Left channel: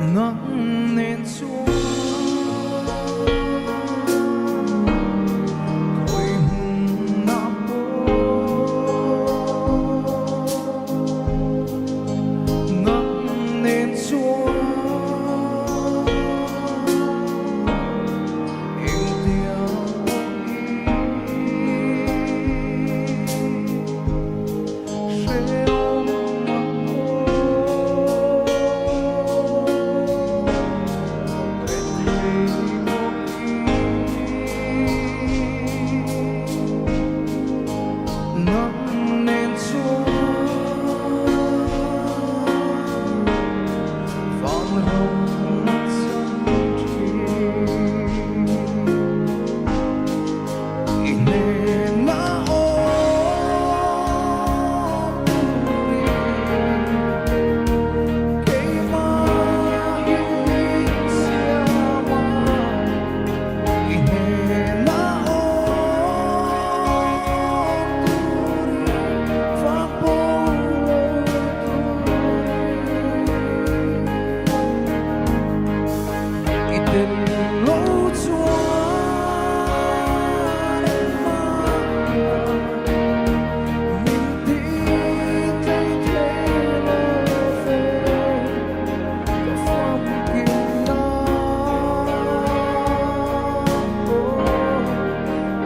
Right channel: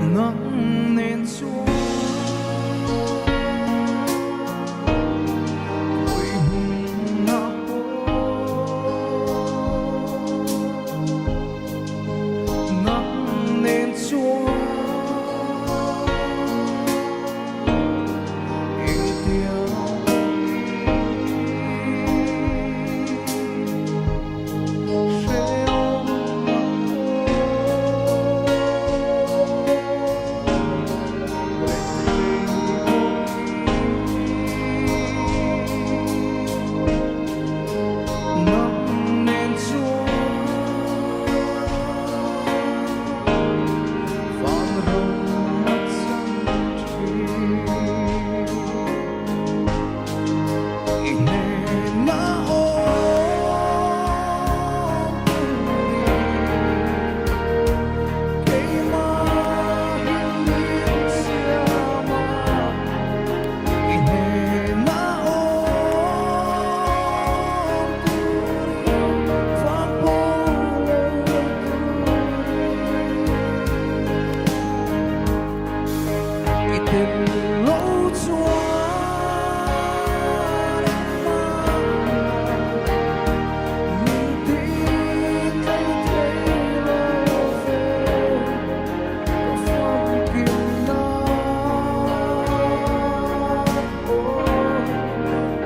nắng nên chúa ôi hùng na bố nắng nên chúa em tiêu nắng nên chúa vạn rồng mắt trăng thủy nên na ôm turi cây ma hiên hiên xia ma nên na tình lỗ chuan mang mình đi thấy thế lô về có phong kim na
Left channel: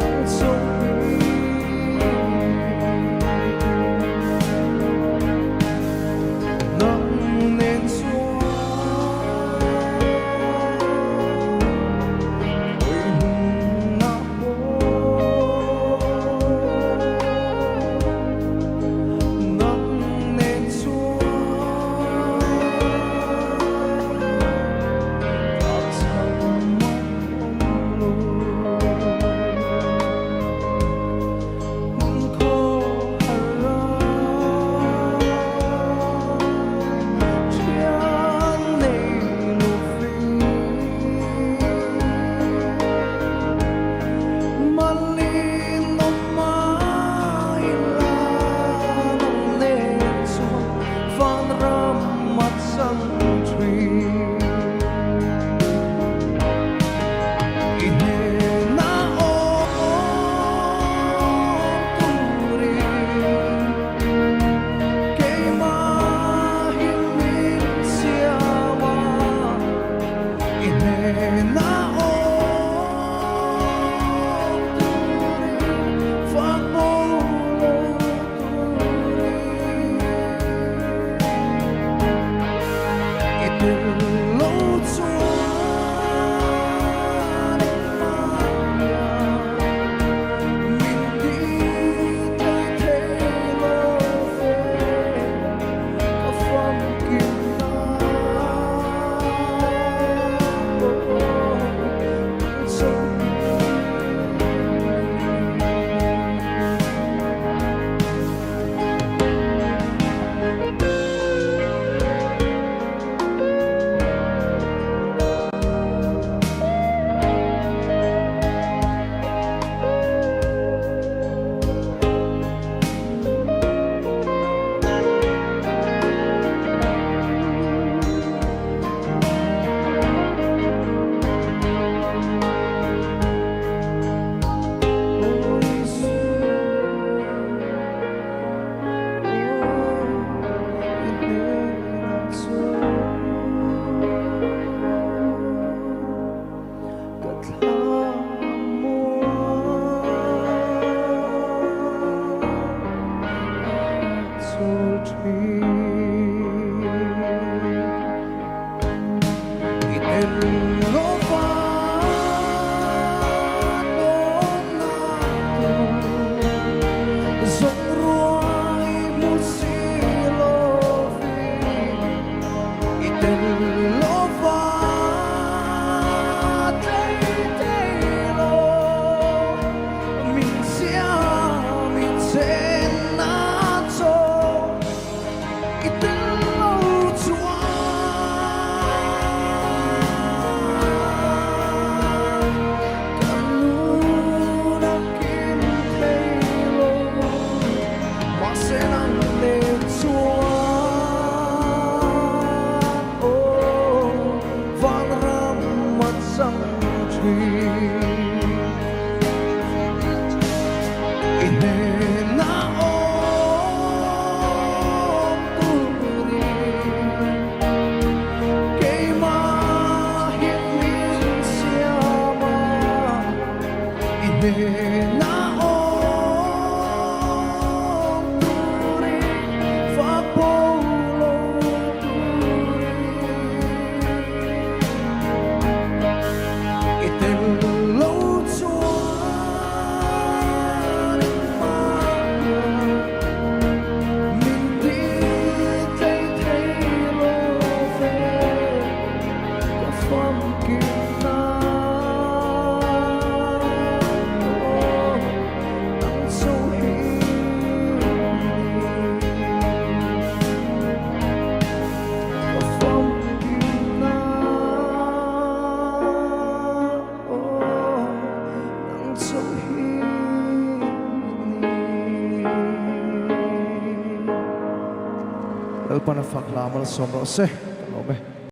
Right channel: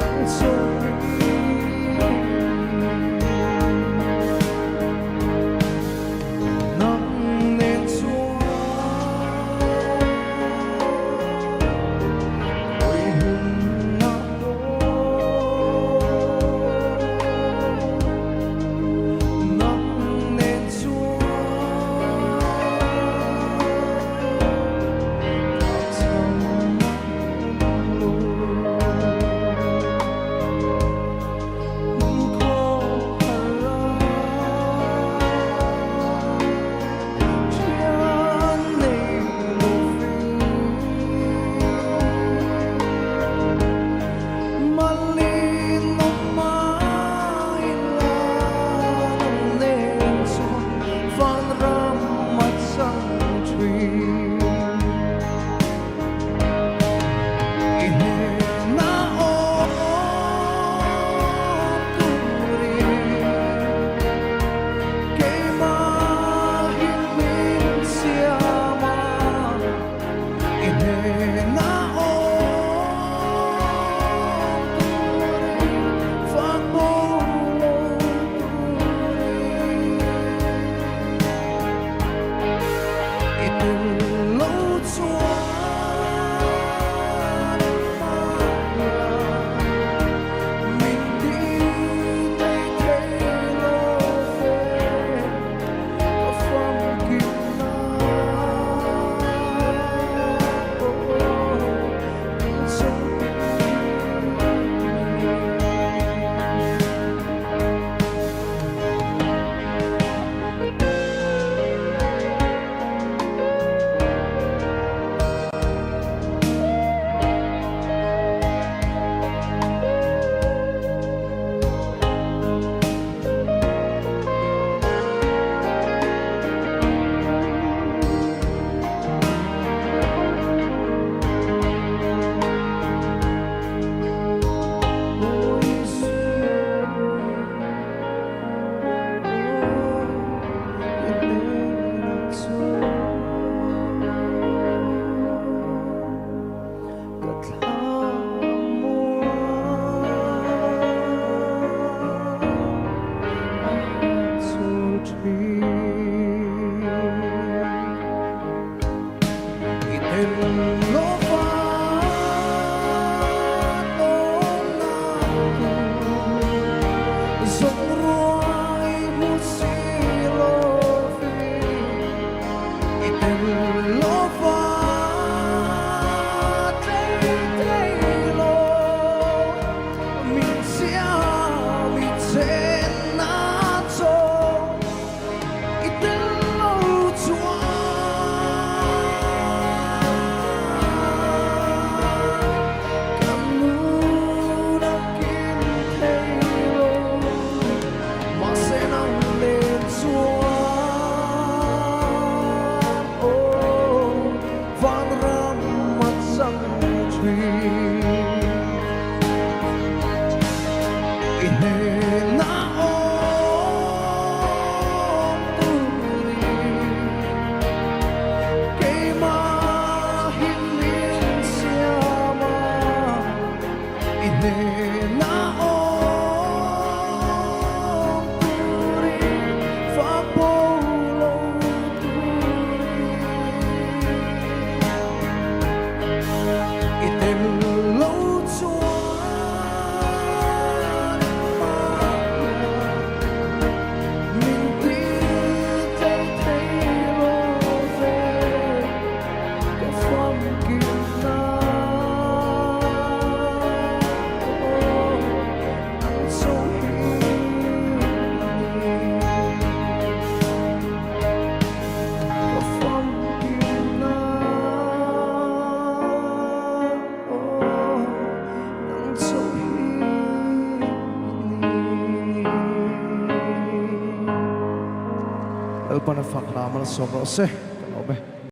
nắng sông nắng nên chúa lỗ chuan mang mình đi thấy thế lô về có phong kim na sông lo fa nong na tu zong ruai mu si lo vi itel lo fa te lo min sia mi chen na cho itel lo chua Nen Chuan Nên naong turi Fakpolo turi Item lâu chuan Maya Mình tí thấy thấy lô về Có phong kim na Elpana fakla mal somro se